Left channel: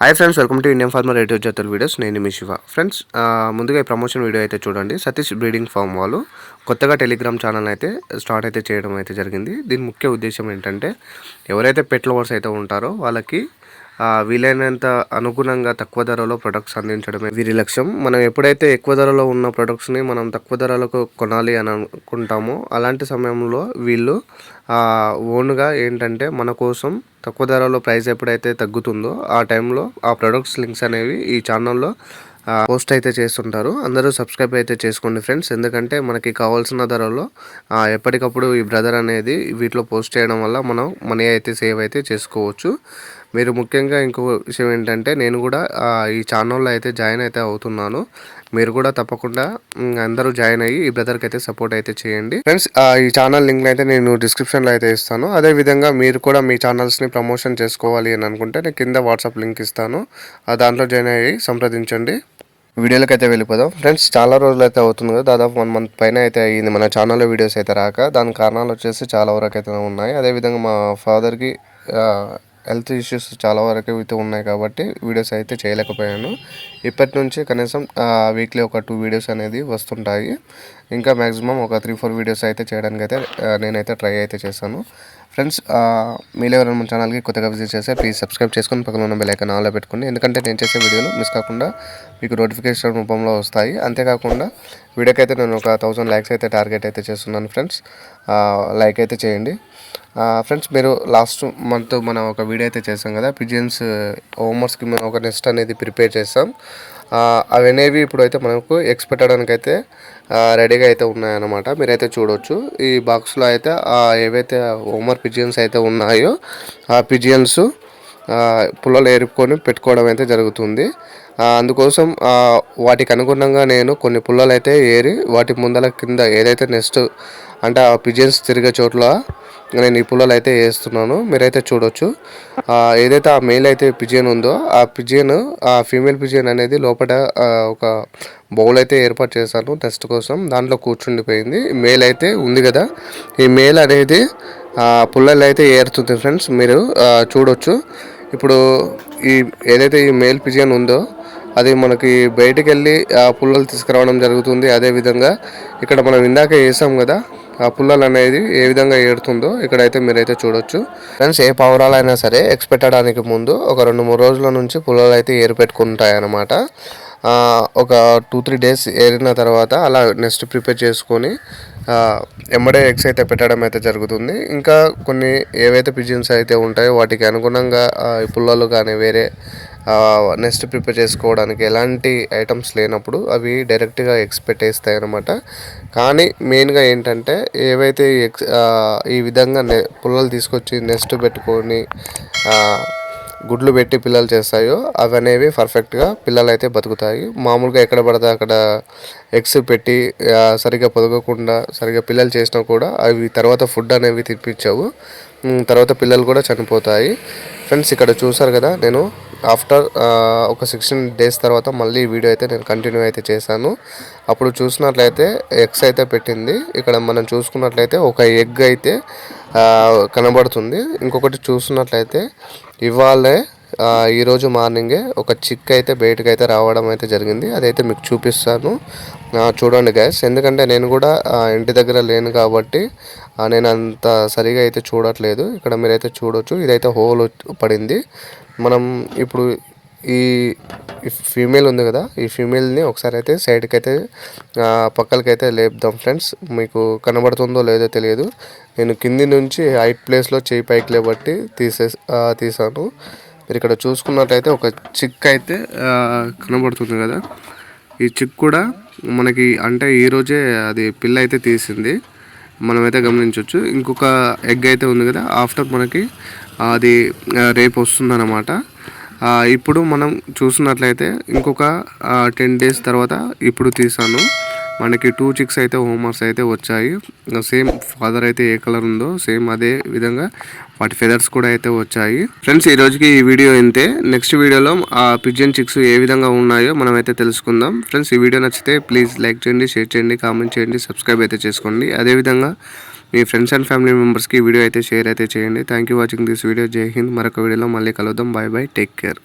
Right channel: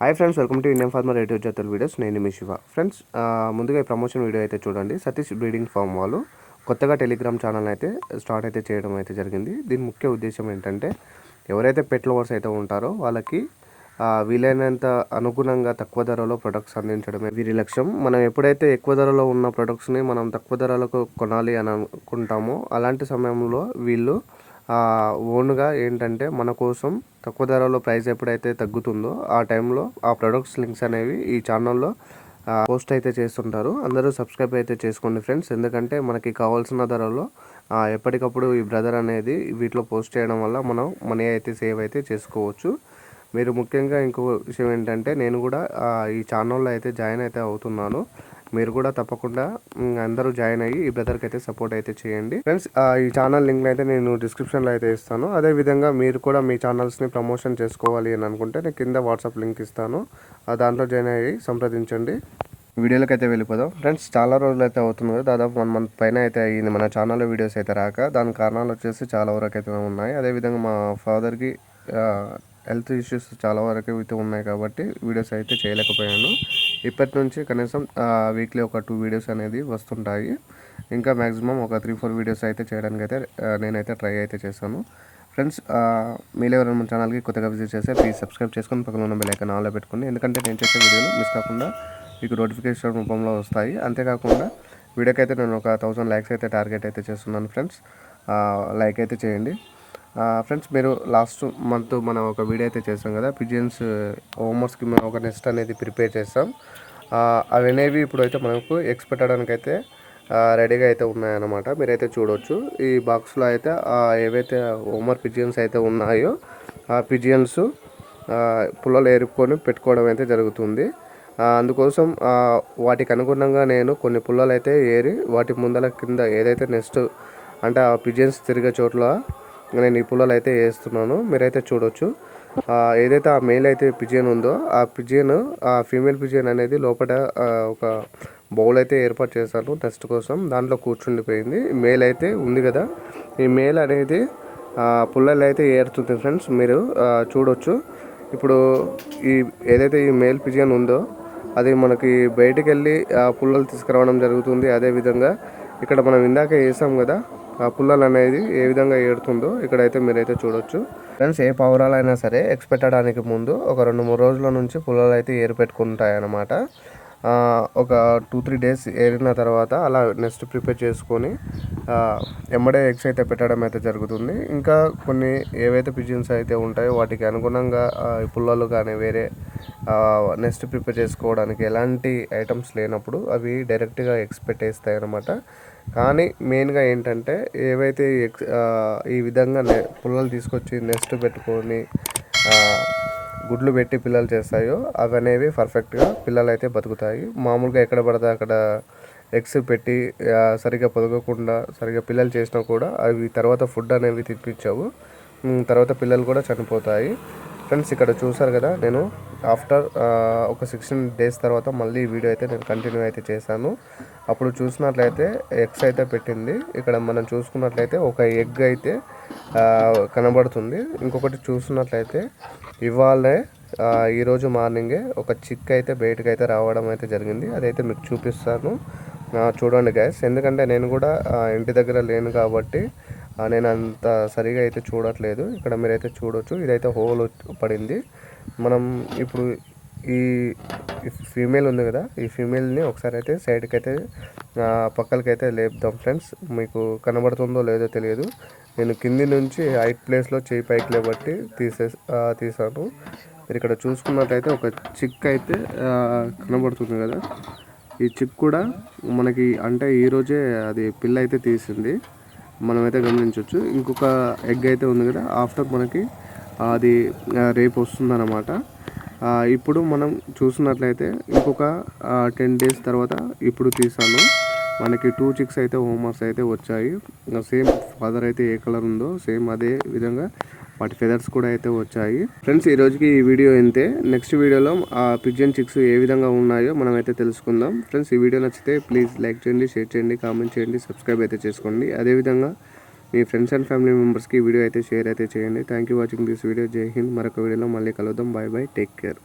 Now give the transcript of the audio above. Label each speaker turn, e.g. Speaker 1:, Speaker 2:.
Speaker 1: Hi friends welcome to Indian farmer radio Jatara videos నేను మీ Shiva. Friends ముందుగా ఈ ప్రమోషన్ వీడియో అయితే చూడండి. సతీష్ బ్రీడింగ్ ఫామ్ వాళ్ళు కొత్తగా టెలిగ్రామ్ ఛానల్ అయితే స్టార్ట్ అయితే చేయడం అయితే జరిగింది. దీని ముఖ్య ఉద్దేశం ఏంటంటే ఎవరైతే పెట్ లవర్స్ అయితే ఉంటారో వాళ్ళకి వీలైనంత అనుగుణంగా తక్కువ ధరలో ప్రొడక్ట్స్ అందించడమే వీరి లక్ష్యం. మనం ఎప్పుడైతే ఎక్కువ ధరలో ఉన్న ప్రొడక్ట్స్ని మనం తక్కువ ధరలకు కొనాలి అని అనుకుంటామో అలాంటి సమయంలో వీళ్ళు ఓన్గా ఏంటంటే మన కోసం తక్కువ ధరలో ప్రైస్ ఎప్పుడైతే తగ్గుతుందో ఆ టైంలో ఆ ప్రొడక్ట్స్ లింక్స్ అనేవి ఈ ఛానల్లో పోస్ట్ అయితే చేస్తుంటారు. అందరూ సబ్స్క్రైబ్ అయితే చేసుకోండి ఫ్రెండ్స్ ఎందుకంటే మనకి కావాల్సిన ధరలో ఎప్పటికప్పుడు ఈ బ్రదర్ అనేది వీటిలో పోస్ట్ చేయడం వల్ల మనం మనీ అయితే సేవ్ అయితే చేసుకోవచ్చు. మీరు ముఖ్యంగా ఇంకో విషయం ఏంటంటే నేను కూడా ఈ ఛానల్లో అయితే జాయిన్ అయితే అవుతున్నాను. మీరు కూడా తప్పకుండా అందరూ జాయిన్ అయ్యి ఈ బ్రదర్కి అయితే సపోర్ట్ అయితే చేయండి. ఫ్రెండ్స్ ఈ ఛానల్ లింక్ అయితే నేను డిస్క్రిప్షన్లో అయితే ఇస్తాను. అదే విధంగా మీరు కూడా మీ ఛానల్స్ని ప్రమోషన్ చేసుకోవాలి అని అనుకుంటే నేను కింద వాట్సాప్ లింక్ ఇస్తాను. దాంట్లో జాయిన్ అయ్యి సంప్రదించండి. వీడియోలోకి అయితే వెళ్ళిపోదాం. ఫ్రెండ్స్ చాలా రోజులు అయితే అవుతుంది కదా దాదాపు వన్ మంత్ పైన అయితే అయ్యింది మన ఛానల్లో వీడియోస్ అయితే రాక. దాని కారణాలు వచ్చేసి చాలా వరకు అయితే ఉన్నాయి. అదేవిధంగా మా ఫాదర్కి హెల్త్ ఇష్యూస్ చాలా వరకు అయితే ఉన్నాయి కాబట్టి వీడియోస్ అయితే చేయలేకపోయాను. ఇప్పటి నుంచి కనీసం వీక్లీ ఒక టూ వీడియోస్ అనేది వస్తుంటాయి. ఇంకా మ్యాక్సిమం ఒక త్రీ ఫోర్ వీడియోస్ అయితే చేయడానికి అయితే నేనైతే ట్రై అయితే చేశాను. ఫ్రెండ్స్ మీరు ఎవరైనా మన ఛానల్కి కొత్తగా విజిట్ చేస్తే ప్లీజ్ సబ్స్క్రైబ్ చేసుకొని పక్కన ఉన్న బెల్ ఐకాన్ ఆన్లో పెట్టుకోండి. ఎందుకంటే నేను చేసే వీడియోలు మిస్ కాకుండా మీకు నోటిఫికేషన్ రూపంలో వస్తాయి. అంతేకాకుండా వీడియోకి అయితే నేను ఒక థౌసండ్ లైక్స్ అయితే టార్గెట్ అయితే చేస్తున్నాను ఫ్రెండ్స్. లైక్ అయితే చేయండి. ఫ్రెండ్స్ మీరు లాస్ట్ మంత్ మనం ఒక వీడియో అయితే చేసాం కదా పిజియన్స్ హోమ్వర్క్స్కి మనం ఒక నెస్ట్ అనేది ప్రిపేర్ చేసాం అవి అనేవి ఇప్పుడు అయితే మనకు ఎగ్స్ పెట్టడానికి అయితే రెడీగా అయితే ఉన్నాయన్నమాట. మీరైతే చూడవచ్చు ఈ బాక్స్లో అయితే ఏవైతే హోమర్ పిజియన్స్ అయితే ఉన్నాయో ఆ పిజియన్స్ పుల్లలు ఏరుకొని పెట్టుకోవడం అయితే జరుగుతుంది. అందుకోసం వాటికి అనుగుణంగా నేను కొన్ని పుల్లలు అయితే ఏరి వాటి ముందల కింద ఏదైతే నెక్స్ట్ అంటే ఆ పిజియన్స్ తిరిగే చోట్ల నేను ఈ పుల్లలు అయితే వేస్తున్నాను. మీరైతే చూడొచ్చు. ఏదైతే ఆ మేల్ అయితే పిజియన్ ఉందో ఆ పిజియన్ ఆ ఫీమేల్ పిజియన్ అనేది లోపల ఒక బౌల్ అయితే ఏర్పాటు చేశాను టెస్ట్ కోసం. దాంట్లో కూర్చుండిపోయింది. మేల్ అయితే ఉంది కదా. ఈ మేల్ అనేది పుల్లలు అయితే ఏరుతుంది ఫ్రెండ్స్ మీరు చూడొచ్చు. ఇప్పుడు ఈ ఏదైతే ఈ మేల్ పిజియన్ ఉందో అది మనకి బయటికి వెళ్ళి ఆ పుల్లలు తీసుకురావడం జరుగుతుంది. అదేవిధంగా ఇక్కడ మనం ఇందాక వేసాం కదా ఆ పుల్లలు అనేది ఏ విధంగా ఏడుతుందో ఇక్కడైతే మీరైతే చూడొచ్చు. ఫ్రెండ్స్ ఏ పావురాలైనా సరే ఎగ్స్ పెట్టడానికి ముందు ఒక రెండు మూడు రోజుల నుంచి పుల్లలు అయితే ఏరు పెట్టుకుంటాయి అన్నమాట ఒక టూ త్రీ డేస్ ఏరిన తర్వాత అలా నెక్స్ట్ ప్రిపేర్ చేసుకొని ఎమ్మడే ఎగ్స్ అయితే పెట్టడం అయితే జరుగుతుంది. ఇంకా కొన్ని ఏవైతే పిజిన్స్ అయితే ఉంటాయో వాటికి అనుగుణంగా ఈ పుల్లలు కానీ వేరే నెక్స్ట్ ప్రిపేర్ చేసుకోవడానికి ఎలాంటి ఐటమ్స్ లేనప్పుడు అవి డైరెక్ట్గా ఎగ్స్ పెట్టేస్తాయి అనమాట కానీ మెయిన్గా ఏంటంటే ఏవైతే ఎక్స్ ఎగ్స్ ఈ విధంగా నె పుల్లలు తీసుకొచ్చి నెక్స్ట్ పెట్టుకొని గుడ్లు పెట్టి పిల్లలు చేస్తాయో అవి అనేవి పర్ఫెక్ట్గా పిల్లలు అయితే బతుకుతాయి. మామూలుగా ఎక్కడ పడితే అక్కడ ఎగ్స్ పెట్టి సరిగ్గా పొదగకుండా సరిగ్గా పిల్లలు చేసినా కూడా అవి తర్వాత ఫుడ్ అనేవి తినిపించవు. తర్వాత పిల్లలు కూడా చనిపోతాయి. ఫ్రెండ్స్ ఇక్కడ చూసారు కదా నేను ఆఫ్టర్ ఒక సిక్స్టీన్ డేస్ తర్వాత మళ్ళీ వీడియో అయితే నేను కంటిన్యూ అయితే చేశాను. అప్పుడు చూసినట్లయితే ఎగ్స్ అయితే పెట్టింది. ఇక్కడ మనం చూసుకున్నట్లయితే ఒక ఎగ్ అయితే కనబడుతుంది. ఇంకొకటి చూసినట్లయితే ఇవాళే ఈరోజు మార్నింగే ఒక చిక్ అయితే బయటకు అయితే రావడం అయితే జరిగింది. అదైతే మీకు చూపిస్తాను. చూడండి గ్యాస్ ఎందుకంటే నేను కూడా ఇంటి దగ్గర లేను కాబట్టి నేను అంత సరిగా అయితే చూడట్లేదు. ఇక్కడ మీరైతే చూడొచ్చు. ఇదైతే హోల్ పడింది. మనం ఇప్పుడు ఈ ఫీమేల్ ఉంది కదా ఈ ఫీమేల్ని ఒకసారి అయితే సైడ్కి అయితే పక్కలకి అయితే లేపుదాం ఫ్రెండ్స్. మీకు కనబడుతుందో లేదో తెలియదు. నేను కింది నుంచి హైట్ ప్లేస్లో చేయి పైకి లేబట్టి తీసే తీసాను. మీరు ఇక్కడ చూసుకున్నట్లయితే ఒక చిక్ అయితే కనబడుతుంది కదా. ఈ చిక్ కూడా మనకి అంటే ఈరోజే అది పిల్ల అయితే తీసింది. మనమైతే గమనించవచ్చు ఇంకొక ఎగ్ అయితే ఉంది కదా ఆఫ్టర్ మనకి అది రేపు వస్తుందన్నమాట. ఇప్పుడు మనం చూసినట్లయితే ఇంకొక టెన్ డేస్ తర్వాత ఇప్పుడు తీసాను. మనకి టూ చిక్స్ అయితే హోంవర్క్స్ అయితే వచ్చాయి. సేమ్ ఫాదర్ అయితే ఏ కలర్ ఉందో సేమ్ అదే విధంగా వాటి ఫెదర్స్ కూడా అయితే వచ్చాయి. ఫ్రెండ్స్ ఈ రోజుకి ఈ వీడియో ఇంతే. నెక్స్ట్ వీడియోలో ఆ పిజన్ చిక్స్ ఏ విధంగా ఉన్నాయో మనం అయితే తెలుసుకుందాం. ఫ్రెండ్స్ ఈ వీడియో నచ్చితే ప్లీజ్ లైక్ చేయండి షేర్ చేయండి కామెంట్ చేయండి సబ్స్క్రైబ్ అయితే చేసుకోండి. అదేవిధంగా మీ ఫ్రెండ్స్ అండ్ ఫ్యామిలీ మెంబర్స్కి ఈ వీడియో అయితే షేర్ అయితే చేయండి. Thank you watching this video Jai Hind మరొక వీడియోలో మళ్ళీ కలుద్దాం. Bye bye take care